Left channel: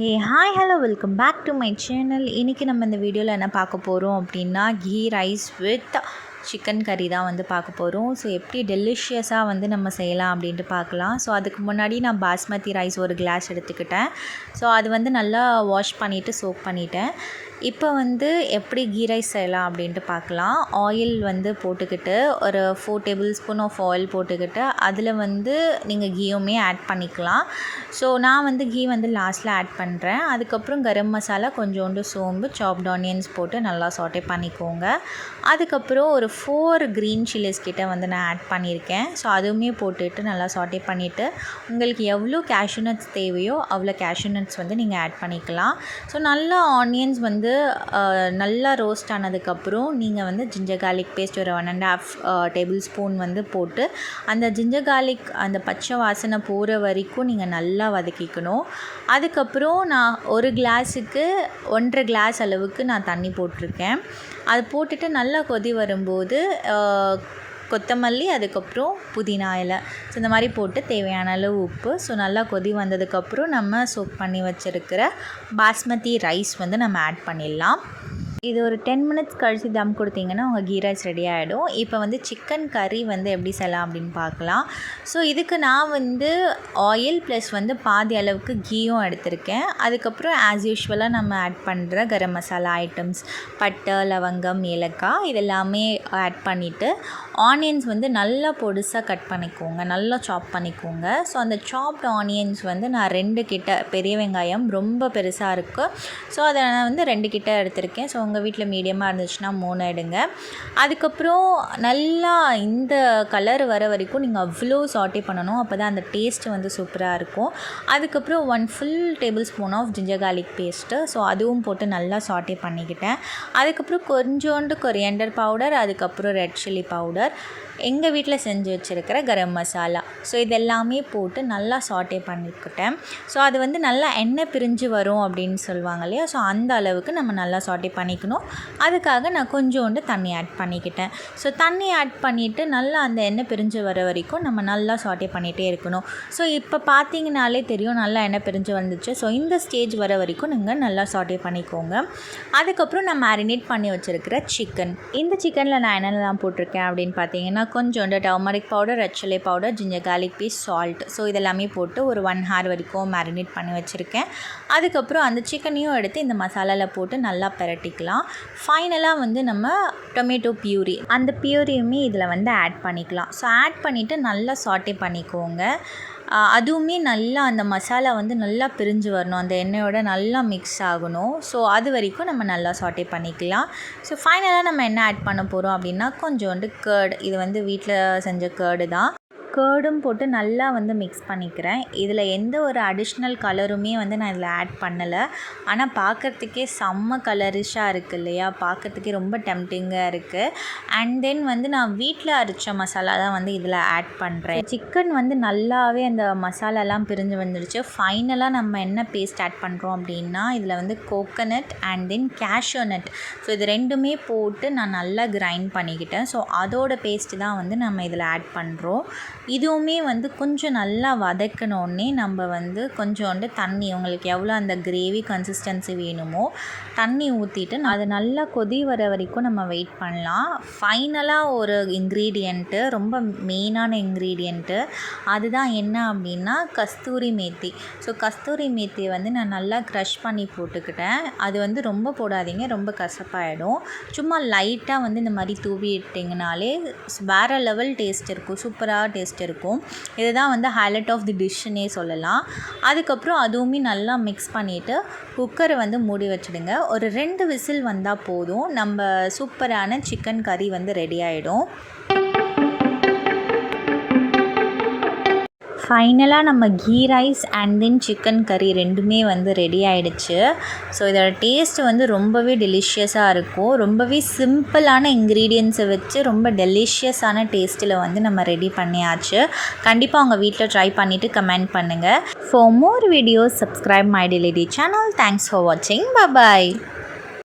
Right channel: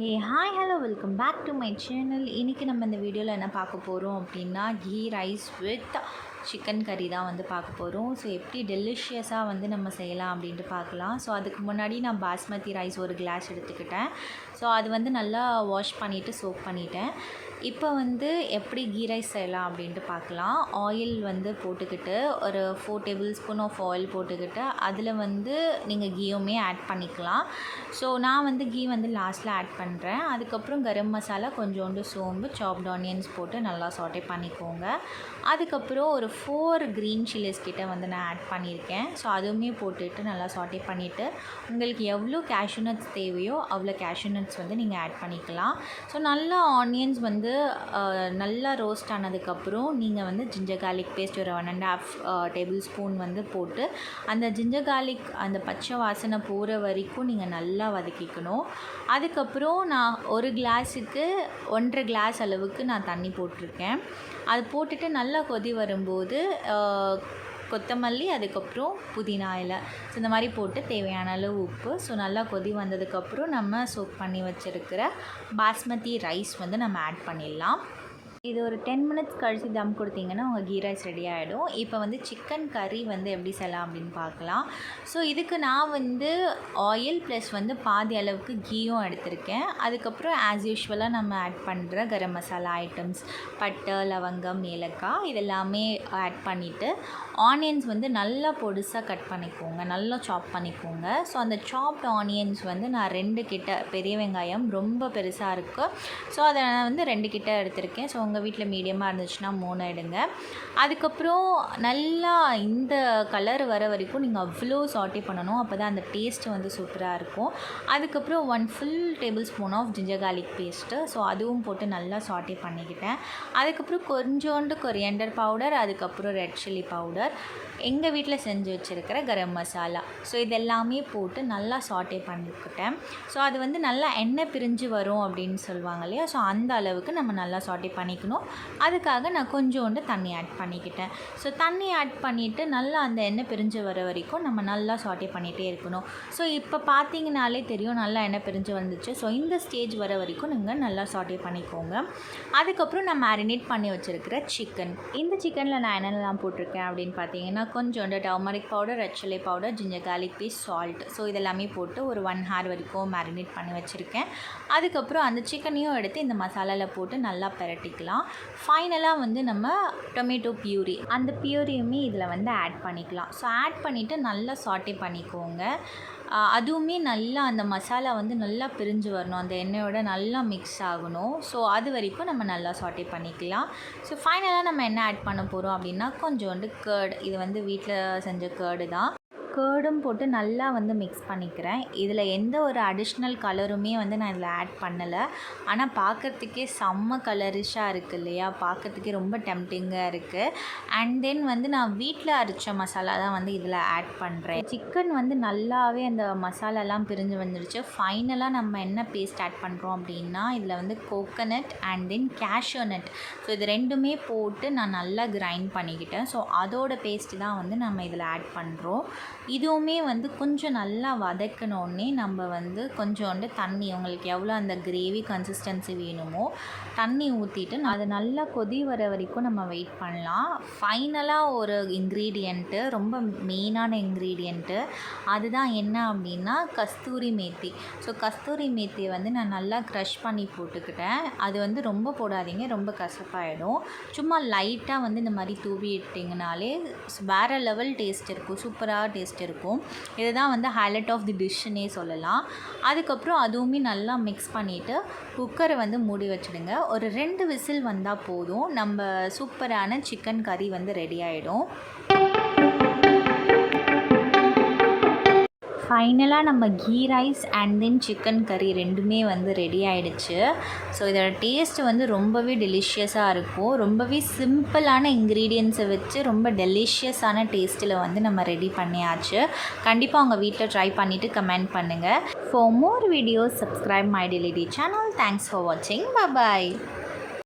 Hi hello welcome back to my channel. இன்றைக்கி நம்ம இந்த வீடியோவில் என்ன பார்க்க போகிறோம் அப்படின்னா கீ ரைஸ் வித் சிக்கன் கறி தான் வந்து பார்க்க போகிறோம். ஸோ எப்படி டெலிஷியஸாக வந்து நம்ம செய்யலாம் அப்படின்ட்டு பார்க்கலாம். ஸோ அதுக்கு முன்னாடி நான் பாஸ்மதி ரைஸ் ஒரு கிளாஸ் எடுத்துக்கிட்டேன். ஸோ அது வந்து நல்லா வாஷ் பண்ணிவிட்டு சோக் பண்ணிட்டேன். இப்போ வந்து எப்படி கீ ரைஸ் செய்யலாம் அப்படின்ட்டு பார்க்கலாம். ஆயில் வந்து போட்டுக்கிட்டு ஒரு 4 டேபிள் ஸ்பூன் ஆஃப் ஆயில் போட்டுக்கிட்டு அதில் வந்து நீங்கள் கீயுமே ஆட் பண்ணிக்கலாம். ஸோ நான் வந்து கீ வந்து லாஸ்ட்டில் ஆட் பண்ணுறேன். அதுக்கப்புறம் கரம் மசாலா, கொஞ்சோண்டு சோம்பு, சாப்ட் ஆனியன்ஸ் போட்டு நல்லா சாட்டே பண்ணிக்கோங்க. அதுக்கப்புறம் ஒரு 4 க்ரீன் சில்லிஸ் கிட்ட வந்து நான் ஆட் பண்ணியிருக்கேன். ஸோ அதுவுமே போட்டுட்டு நல்லா சாட்டே பண்ணிவிட்டு உங்களுக்கு எவ்வளோ கேஷ்யூ நட்ஸ் தேவையோ அவ்வளோ கேஷ்யூ நட்ஸ் வந்து நீங்கள் ஆட் பண்ணிக்கலாம். ஸோ நல்லா ஆனியன்ஸ் வந்து நல்லா ரோஸ்ட் ஆனதுக்கப்புறம் நீங்கள் வந்து ஜிஞ்சர் கார்லிக் பேஸ்ட் ஒரு 1.5 டேபிள் ஸ்பூன் வந்து போட்டு அந்த ஜிஞ்சர் கார்லிக் அந்த பச்சை வாசனை போகிற வரைக்கும் நீங்கள் நல்லா வதக்கிக்கணும். அதுக்கப்புறம் நான் ஒரு கிளாஸுக்கு 1.5 கிளாஸ் அளவுக்கு நான் தண்ணி போட்டிருக்கேன். அது போட்டுட்டு நல்லா கொதி வரும்போது கொத்தமல்லி, அதுக்கப்புறம் புதினா இலை, ஸோ இந்த மாதிரி போட்டு தேவையான அளவு உப்பு. ஸோ நல்லா கொதி வந்ததுக்கப்புறம் நம்ம சோக் பண்ணி வச்சுருக்கிற பாஸ்மதி ரைஸ் வந்து நம்ம ஆட் பண்ணிடலாம். இது ஒரு 10 மினிட்ஸ் கழித்து தம் கொடுத்தீங்கன்னா உங்கள் கீ ரைஸ் ரெடி ஆகிடும். இப்போ வந்து சிக்கன் கறி வந்து எப்படி செய்யலாம் அப்படின்னு பார்க்கலாம். ஸோ இதுக்கு நான் வந்து ஆயில் ப்ளஸ் வந்து பாதி அளவுக்கு கீயும் எடுத்திருக்கேன். அதுக்கப்புறம் ஆஸ் யூஷுவலாக நம்ம ஆட் பண்ணுற கரம் மசாலா ஐட்டம்ஸ், பட்டை, லவங்கம், ஏலக்காய் இதெல்லாமே ஆட் பண்ணிவிட்டு ஆனியன்ஸ் வந்து நல்லா பொடிசாக கட் பண்ணிக்கோங்க, நல்லா சாப் பண்ணிக்கோங்க. ஸோ அந்த சாப்ட் ஆனியன்ஸ் வந்து நான் 2 கிட்ட, பெரிய வெங்காயம் ரொம்ப பெருசாக இருக்குது, ஸோ அதை நான் வந்து 2 கிட்ட எடுத்திருக்கேன். ஸோ உங்கள் வீட்டில் மீடியமாக இருந்துச்சுன்னா 3 எடுங்க. அதுக்கப்புறம் நல்லா இந்த கலர் வர வரைக்கும் நீங்கள் அவ்வளோ சாட்டே பண்ணணும். அப்போ தான் அந்த டேஸ்ட்டு வந்து சூப்பராக இருக்கும். அதுக்கப்புறம் 1 full tablespoon of ginger garlic paste, so அதுவும் போட்டு நல்லா சாட்டே பண்ணிக்கிட்டேன். அதுக்கப்புறம் கொஞ்சோண்டு கொரியாண்டர் பவுடர், அதுக்கப்புறம் ரெட் சில்லி பவுடர், எங்கள் வீட்டில் செஞ்சு வச்சுருக்கிற கரம் மசாலா, ஸோ இதெல்லாமே போட்டு நல்லா சாட்டே பண்ணிக்கிட்டேன். ஸோ அது வந்து நல்லா எண்ணெய் பிரிஞ்சு வரும் அப்படின்னு சொல்லுவாங்க இல்லையா, ஸோ அந்த அளவுக்கு நம்ம நல்லா சாட்டே பண்ணிக்கணும். அதுக்காக நான் கொஞ்சோண்டு தண்ணி ஆட் பண்ணிக்கிட்டேன். ஸோ தண்ணி ஆட் பண்ணிவிட்டு நல்லா அந்த எண்ணெய் பிரிஞ்சு வர வரைக்கும் நம்ம நல்லா சாட்டே பண்ணிகிட்டே இருக்கணும். ஸோ இப்போ பார்த்தீங்கனாலே தெரியும் நல்லா எண்ணெய் பிரிஞ்சு வந்துச்சு. ஸோ இந்த ஸ்டேஜ் வர வரைக்கும் நீங்கள் நல்லா சாட்டே பண்ணிக்கோங்க. அதுக்கப்புறம் நான் மேரினேட் பண்ணி வச்சுருக்கிற சிக்கன், இந்த சிக்கனில் நான் என்னென்னலாம் போட்டிருக்கேன் அப்படின்னு பார்த்தீங்கன்னா கொஞ்சோண்டு turmeric powder, red chilli powder, ginger garlic paste, salt, so இதெல்லாமே போட்டு ஒரு 1 hour வரைக்கும் மேரினேட் பண்ணி வச்சுருக்கேன். அதுக்கப்புறம் அந்த சிக்கனையும் எடுத்து இந்த மசாலாவில் போட்டு நல்லா பிரட்டிக்கலாம். ஃபைனலாக வந்து நம்ம டொமேட்டோ பியூரி, அந்த பியூரியுமே இதில் வந்து ஆட் பண்ணிக்கலாம். ஸோ ஆட் பண்ணிவிட்டு நல்லா சாட்டே பண்ணிக்கோங்க. அதுவுமே நல்லா அந்த மசாலா வந்து நல்லா பிரிஞ்சு வரணும், அந்த எண்ணெயோட நல்லா மிக்ஸ் ஆகணும். ஸோ அது வரைக்கும் நம்ம நல்லா சாட்டே பண்ணிக்கலாம். ஸோ ஃபைனலாக நம்ம என்ன ஆட் பண்ண போகிறோம் அப்படின்னா கொஞ்சோண்டு கர்ட், இது வந்து வீட்டில் செஞ்ச கர்டு தான். கர்டும் போட்டு நல்லா வந்து மிக்ஸ் பண்ணிக்கிறேன். இதில் எந்த ஒரு அடிஷ்னல் கலருமே வந்து நான் இதில் ஆட் பண்ணலை. ஆனால் பார்க்குறதுக்கே செம்ம கலரிஷாக இருக்குது இல்லையா, பார்க்குறதுக்கே ரொம்ப டெம்டிங்காக இருக்குது. அண்ட் தென் வந்து நான் வீட்டில் அரைச்ச மசாலா தான் வந்து இதில் ஆட் பண்ணுறேன். சிக்கன் வந்து நல்லாவே அந்த மசாலாலாம் பிரிஞ்சு வந்துடுச்சு. ஃபைனலாக நம்ம என்ன பேஸ்ட் ஆட் பண்ணுறோம் அப்படின்னா இதில் வந்து coconut and then cashew nut, so இது ரெண்டுமே போட்டு நான் நல்லா கிரைண்ட் பண்ணிக்கிட்டேன். ஸோ அதோட பேஸ்ட்டு தான் வந்து நம்ம இதில் ஆட் பண்ணுறோம். இதுவுமே வந்து கொஞ்சம் நல்லா வதக்கினோடனே நம்ம வந்து கொஞ்சோண்டு தண்ணி, உங்களுக்கு எவ்வளோ அந்த கிரேவி கன்சிஸ்டன்சி வேணுமோ தண்ணி ஊற்றிட்டு அது நல்லா கொதி வர வரைக்கும் நம்ம வெயிட் பண்ணலாம். ஃபைனலாக ஒரு இன்க்ரீடியண்ட்டு, ரொம்ப மெயினான இன்க்ரீடியண்ட்டு, அதுதான் என்ன அப்படின்னா கஸ்தூரி மேத்தி. ஸோ கஸ்தூரி மேத்தியை வந்து நான் நல்லா க்ரஷ் பண்ணி போட்டுக்கிட்டேன். அது வந்து ரொம்ப போடாதீங்க, ரொம்ப கசப்பாயிடும். சும்மா லைட்டாக வந்து இந்த மாதிரி தூவி இட்டிங்கனாலே வேறு லெவல் டேஸ்ட் இருக்கும், சூப்பராக டேஸ்ட் இருக்கும். இதுதான் வந்து ஹைலைட் ஆஃப் தி டிஷ்ஷுன்னே சொல்லலாம். அதுக்கப்புறம் அதுவுமே நல்லா மிக்ஸ் பண்ணிவிட்டு குக்கரை வந்து மூடி வச்சுடுங்க. ஒரு 2 விசில் வந்தால் போதும், நம்ம சூப்பரான சிக்கன் கறி வந்து ரெடி ஆகிடும். ஃபைனலாக நம்ம ghee rice and then chicken curry ரெண்டுமே வந்து ரெடி ஆகிடுச்சு. ஸோ இதோட டேஸ்ட் வந்து ரொம்பவே டெலிஷியஸாக இருக்கும். ரொம்பவே சிம்பிளான இன்க்ரீடியன்ஸை வச்சு ரொம்ப டெலிஷியஸான டேஸ்ட்டில் வந்து நம்ம ரெடி பண்ணியாச்சு. கண்டிப்பாக உங்கள் வீட்டில் ட்ரை பண்ணிவிட்டு கமெண்ட் பண்ணுங்கள். For more videos subscribe my டெலிடி சேனல். தேங்க்ஸ் ஃபார் வாட்சிங். பை பாய்.